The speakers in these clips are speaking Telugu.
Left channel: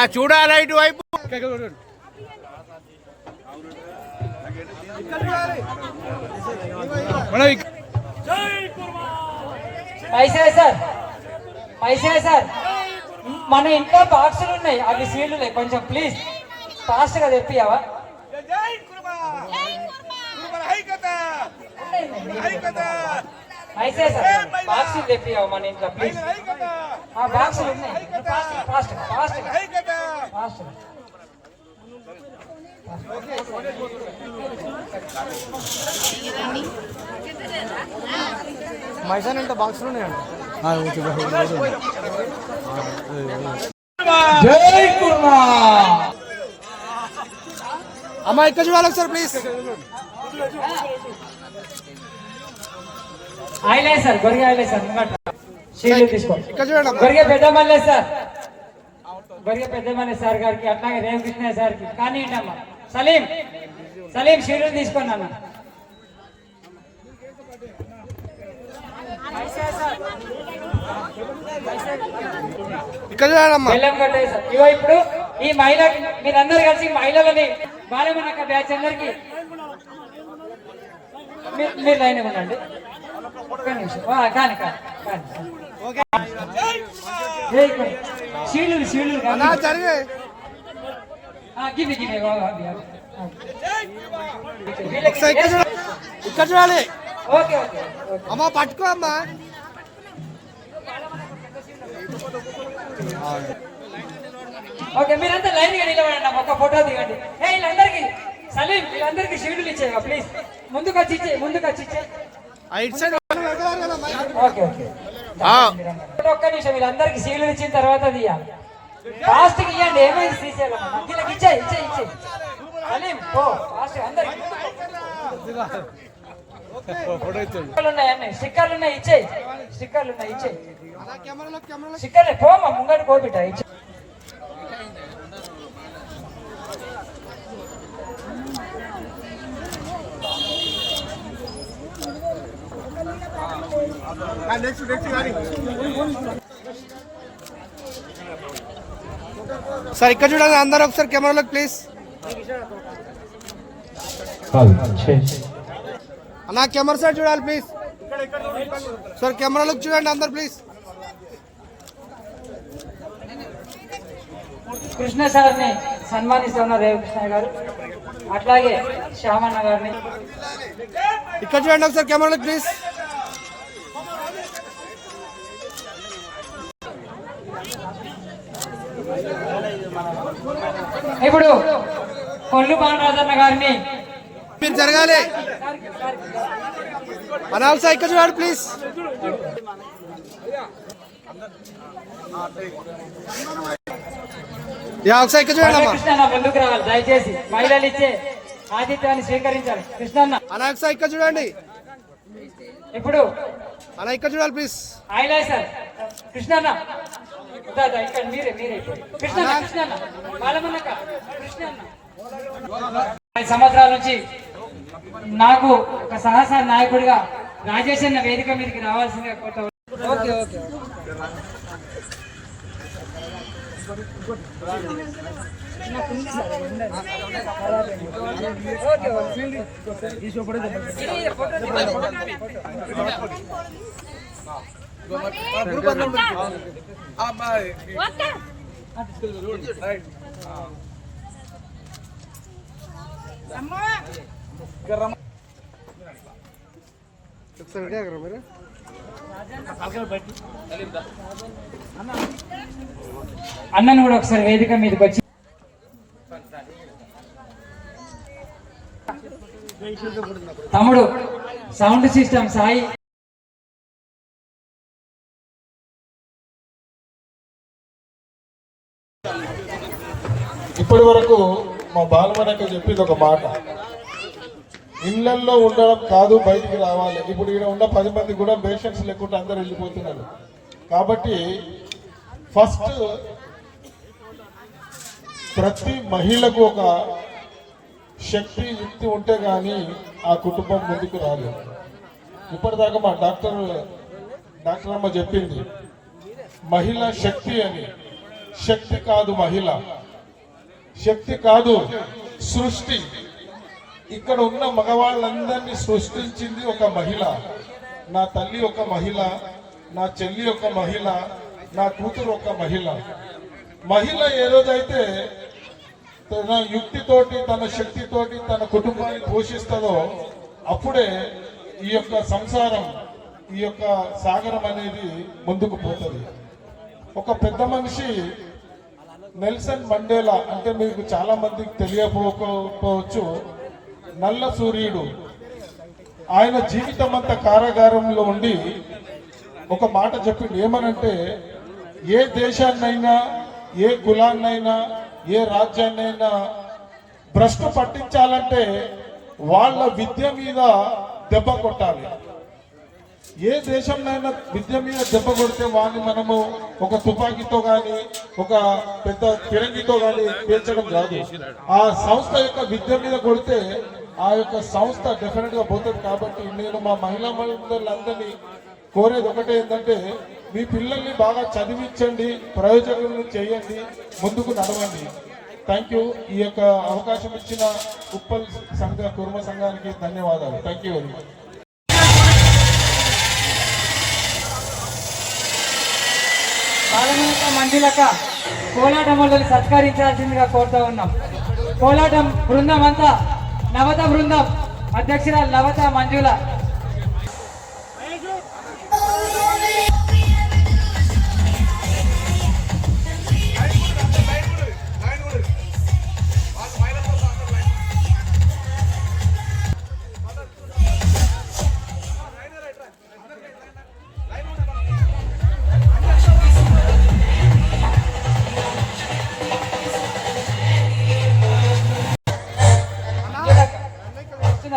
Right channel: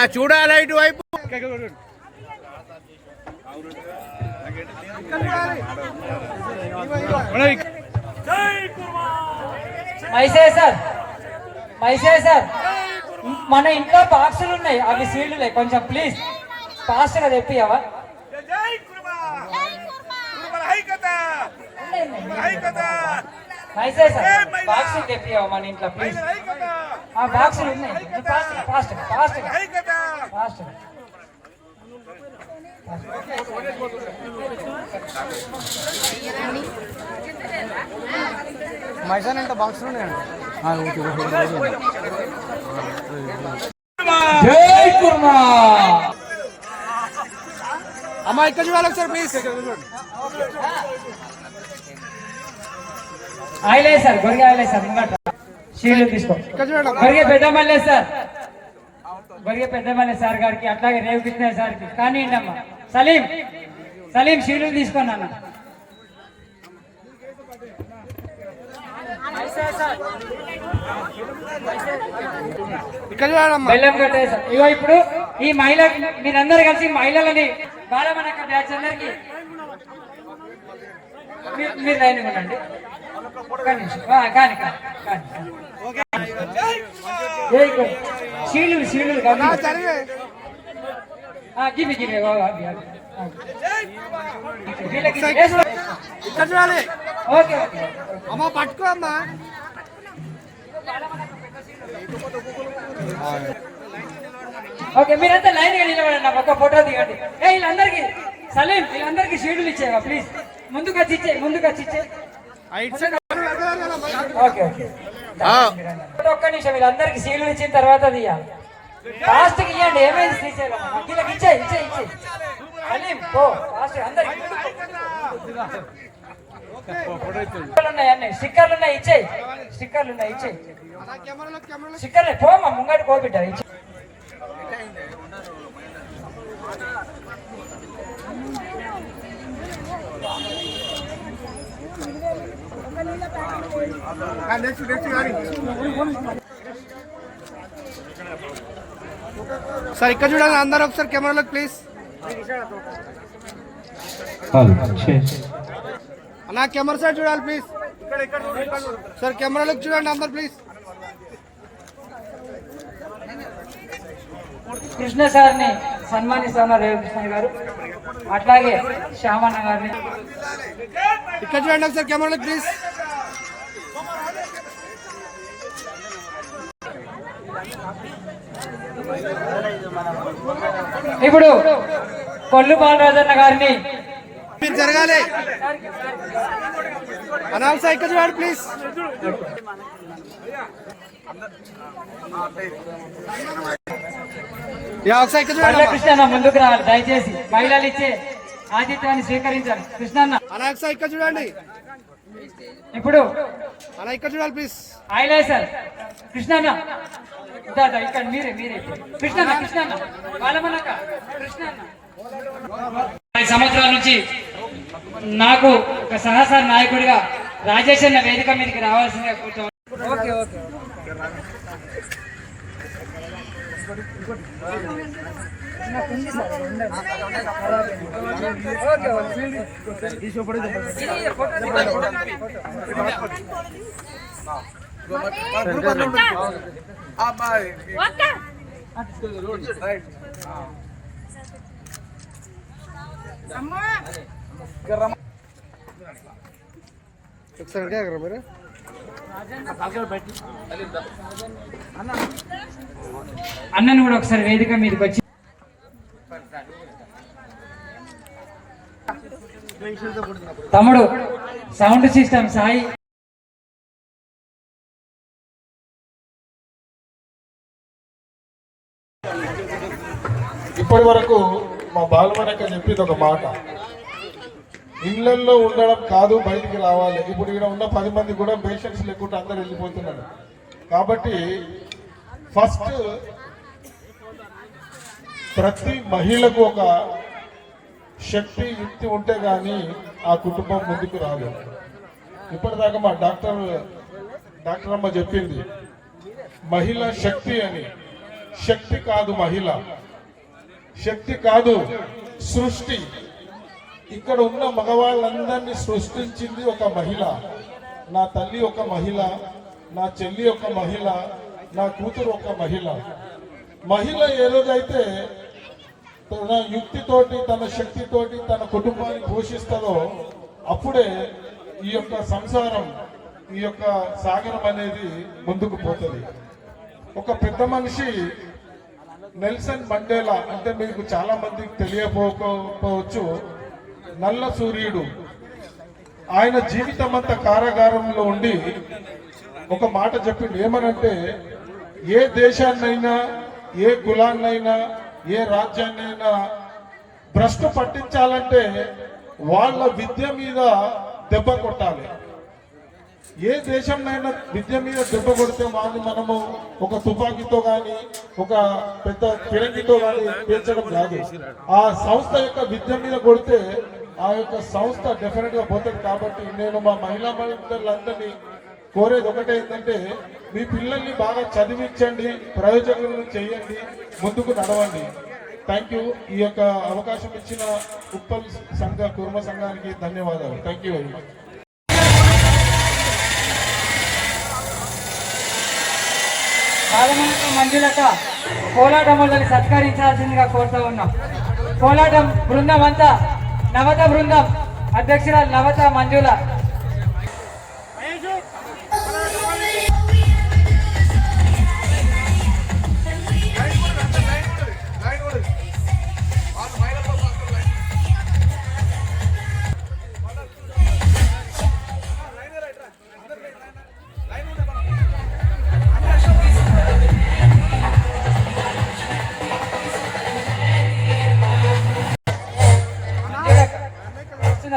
ఆ చూడాలి ఇటువైపు? పైసే సార్. పైసే సార్. మన ఇంట్లో బాక్సులు ఉన్నాయి. అవి ఉన్నాయి. కొంచెం ప్లీజ్ ఫాస్ట్గా తెప్పియావా మన ఇంట్లో? ప్లీజ్ హైకత ఆ బాక్సులు ఉన్నాయి. ఫాస్ట్ ఫాస్ట్ ఫాస్ట్ హైకత ఫాస్ట్ జై కుర్మా అమ్మా ఇక్కడ చూడాలి ఒకసారి ప్లీజ్ ఆయలే సార్ గొరిగే ఆయలే సార్ ముంగట షీల్డ్ తీసుకో ఇక్కడ చూడండి గొరిగే పెద్దమల్లే సార్ గొరిగే పెద్దమల్లే సార్ గారికి అట్లాగే రేవు కృష్ణ సార్కి. కానీ అమ్మా సలీం సలీం షీల్డ్ తీసుకోండి అన్న. బెల్లం ఇగో ఇప్పుడు ఈ మహిళ మీరందరూ కలిసి మహిళలని బాలమనక్క బ్యాచ్ అందరికి. మీరు లైన్ ఉండండి. ఒక్క కానీ గివి గివి ఇక్కడ చూడాలి ఓకే ఓకే పట్టుకో అమ్మా ఓకే మీరంతా లైన్గా నిలబడండి అమ్మ. ఒక ఫోటో దిగండి ఏ వీళ్ళందరికీ సలీం వీళ్ళందరికీ షీడులు ఇచ్చేవా ప్లీజ్ ముందుకు వచ్చి ఇచ్చే ముందుకు వచ్చి ఇచ్చే ఒక్క నిమిషం వీళ్ళందరికి సీలు ఇచ్చిన తర్వాత తీయ. ఫాస్ట్ ఇవ్వండి ఏమైంది శ్రీశైలం వీళ్ళకి ఇచ్చే ఇచ్చే ఇచ్చే. సలీం పో అందరికి. ఉన్నాయి అన్నీ? స్టిక్కర్లు ఉన్నాయి ఇచ్చే. స్టిక్కర్లు ఉన్నాయి ఇచ్చే. స్టిక్కర్లే పోమ్మా ముంగడి కోబిడ్డ ఇచ్చే. సార్ ఇక్కడ చూడండి అందరూ ఒకసారి కెమెరాలో ప్లీజ్ అన్నా కెమెరా సైడ్ చూడాలి ప్లీజ్ సార్ కెమెరాలోకి చూడండి అందరు ప్లీజ్ కృష్ణ సార్ని సన్మానిస్తున్నారు దేవకృష్ణ గారు. అట్లాగే శ్యామన్న గారిని. ఇక్కడ చూడండి ఒకసారి కెమెరాలోకి ప్లీజ్ ఇప్పుడు కొల్లు బాలరాజన్న గారిని మీరు జరగాలి. ఒకసారి ఇక్కడ చూడండి ప్లీజ్ ముందుకు రావాలి దయచేసి. మహిళలు ఇచ్చే ఆతిథ్యాన్ని స్వీకరించాలి. కృష్ణన్న. అన్నా ఒకసారి ఇక్కడ చూడండి. ఇప్పుడు అన్నా ఇక్కడ చూడాలి ప్లీజ్ హైలైసర్ కృష్ణన్న. ఇదా, ఇదా, ఇక్కడ మీరే మీరే. కృష్ణన్న కృష్ణన్న. కృష్ణన్న. ఐదు సంవత్సరాల నుంచి నాకు ఒక సహసార నాయకుడిగా రాజేష్ అన్న వేదిక మీదకి రావాల్సిందిగా కోరుతున్నాను. Okay okay. ఒకసారి రెడీ అయ్యారా మీరు? అన్నను కూడా ఒకసారి వేదిక మీదకి వచ్చి తమ్ముడు సౌండ్ సిస్టమ్ సాయి. ఇప్పటి వరకు మా బాలమడక చెప్పింది ఒక మాట. ఇళ్ళల్లో ఉండడం కాదు బయటికి రావాలి. ఇప్పుడు ఇక్కడ ఉన్న పది మంది కూడా పేషెంట్స్ లేకుండా అందరు వెళ్ళిపోతున్నారు. కాబట్టి ఫస్ట్ ప్రతి మహిళకు ఒక శక్తి యుక్తి ఉంటే కానీ ఆ కుటుంబం ముందుకు రాదు. ఇప్పటిదాకా మా డాక్టర్ డాక్టర్ అమ్మ చెప్పింది మహిళ శక్తి అని. శక్తి కాదు మహిళ. శక్తి కాదు సృష్టి. ఇక్కడ ఉన్న మగవాళ్ళందరినీ సృష్టించింది ఒక మహిళ. నా తల్లి ఒక మహిళ నా చెల్లి ఒక మహిళ నా కూతురు ఒక మహిళ. మహిళ ఏ రోజైతే తన యుక్తితోటి తన శక్తితోటి తన కుటుంబాన్ని పోషిస్తుందో అప్పుడే ఈ యొక్క సంసారం ఈ యొక్క సాగరం అనేది ముందుకు పోతుంది. ఒక పెద్ద మనిషి నెల్సన్ మండేలా అంటే మీకు చాలా మందికి తెలియకపోవచ్చు. నల్ల సూర్యుడు. ఆయన జీవితం అంతా కారాగారంలో ఉండి ఒక మాట చెప్పిండు. ఏమనంటే ఏ దేశాన్నైనా ఏ కులాన్నైనా ఏ రాజ్యాన్నైనా భ్రష్టు పట్టించాలంటే వాళ్ళ విద్య మీద దెబ్బ కొట్టాలి. ఏ దేశంలో విద్య మీద దెబ్బ కొడితే వాళ్ళని మనము ఒక తుపాకీతో కానీ ఒక పెద్ద ఫిరంగితో కానీ పేర్చడం కాదు. ఆ సంస్థ యొక్క విద్య మీద కొడితే ఆ యొక్క సంస్థ డెఫినెట్గా పోతుంది కాబట్టి నేను మా మహిళా మహిళలందరినీ కోరేది ఒకటే ఏంటంటే మీ పిల్లల్ని బాగా చదివించండి ప్రయోజకులను చేయండి ముందుకు నడవండి. థ్యాంక్ యూ ఈ యొక్క అవకాశం ఇచ్చిన ఉప్పల్ సంఘ కుర్మ సంఘానికి ధన్యవాదాలు. థ్యాంక్ యూ వెరీ మచ్ బాలమనక మంజులక కోలాటములు వెళ్ళి సత్కరించాల్సిందిగా కోరుతూ ఉన్నాం. కోలాటం బృందం అంతా నవత బృందం అధ్యక్షుల నవత మంజుల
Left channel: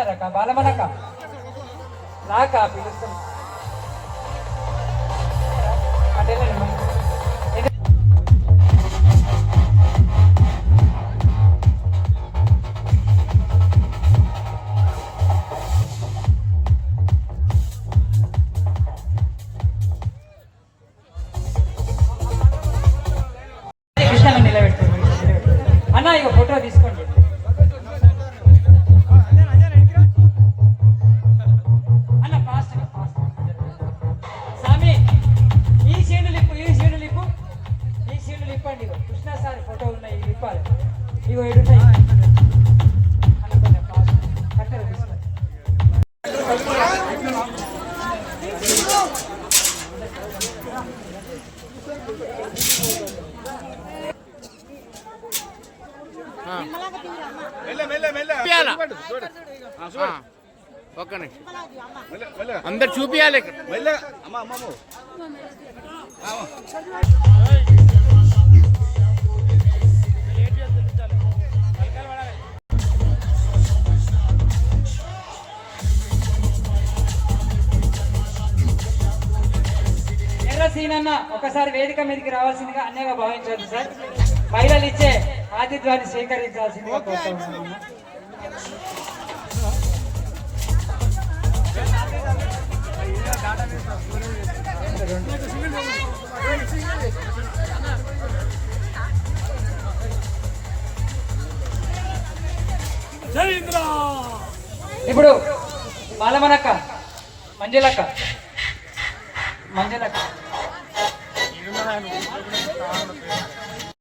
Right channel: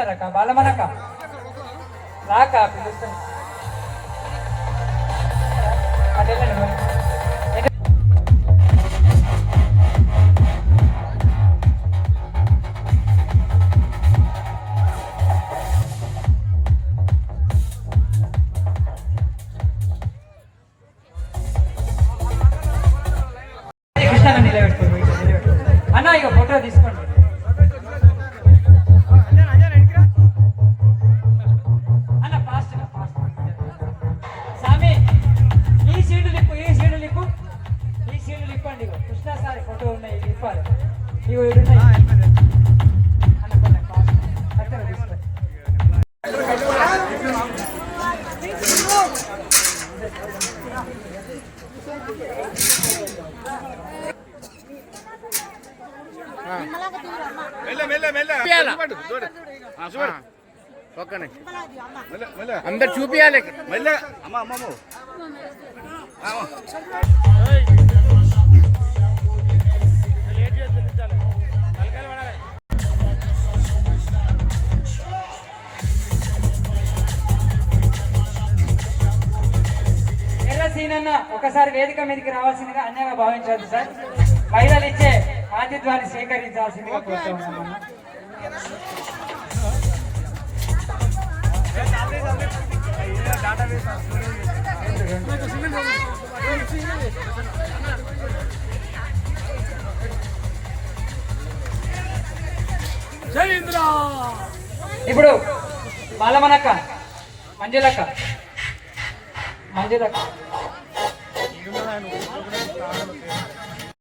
వస్తున్నారక్క బాలమనక. నాక పిలుస్తాను అదేలేండి ఒక్క నిమిషం. మెల్ల మెల్ల. అందరు చూపియాలి ఇక్కడ మెల్ల అమ్మ అమ్మ అమ్మ. ఎర్ర సీన్ అన్న ఒకసారి వేదిక మీదకి రావాల్సిందిగా అన్యంగా భావించాలి సార్. మహిళలు ఇచ్చే ఆతిథ్యాన్ని సేకరించాల్సిందిగా కోరుతా ఉన్నాను. ఇప్పుడు బాలమనక్క మంజులక్క మంజులక్క. planning.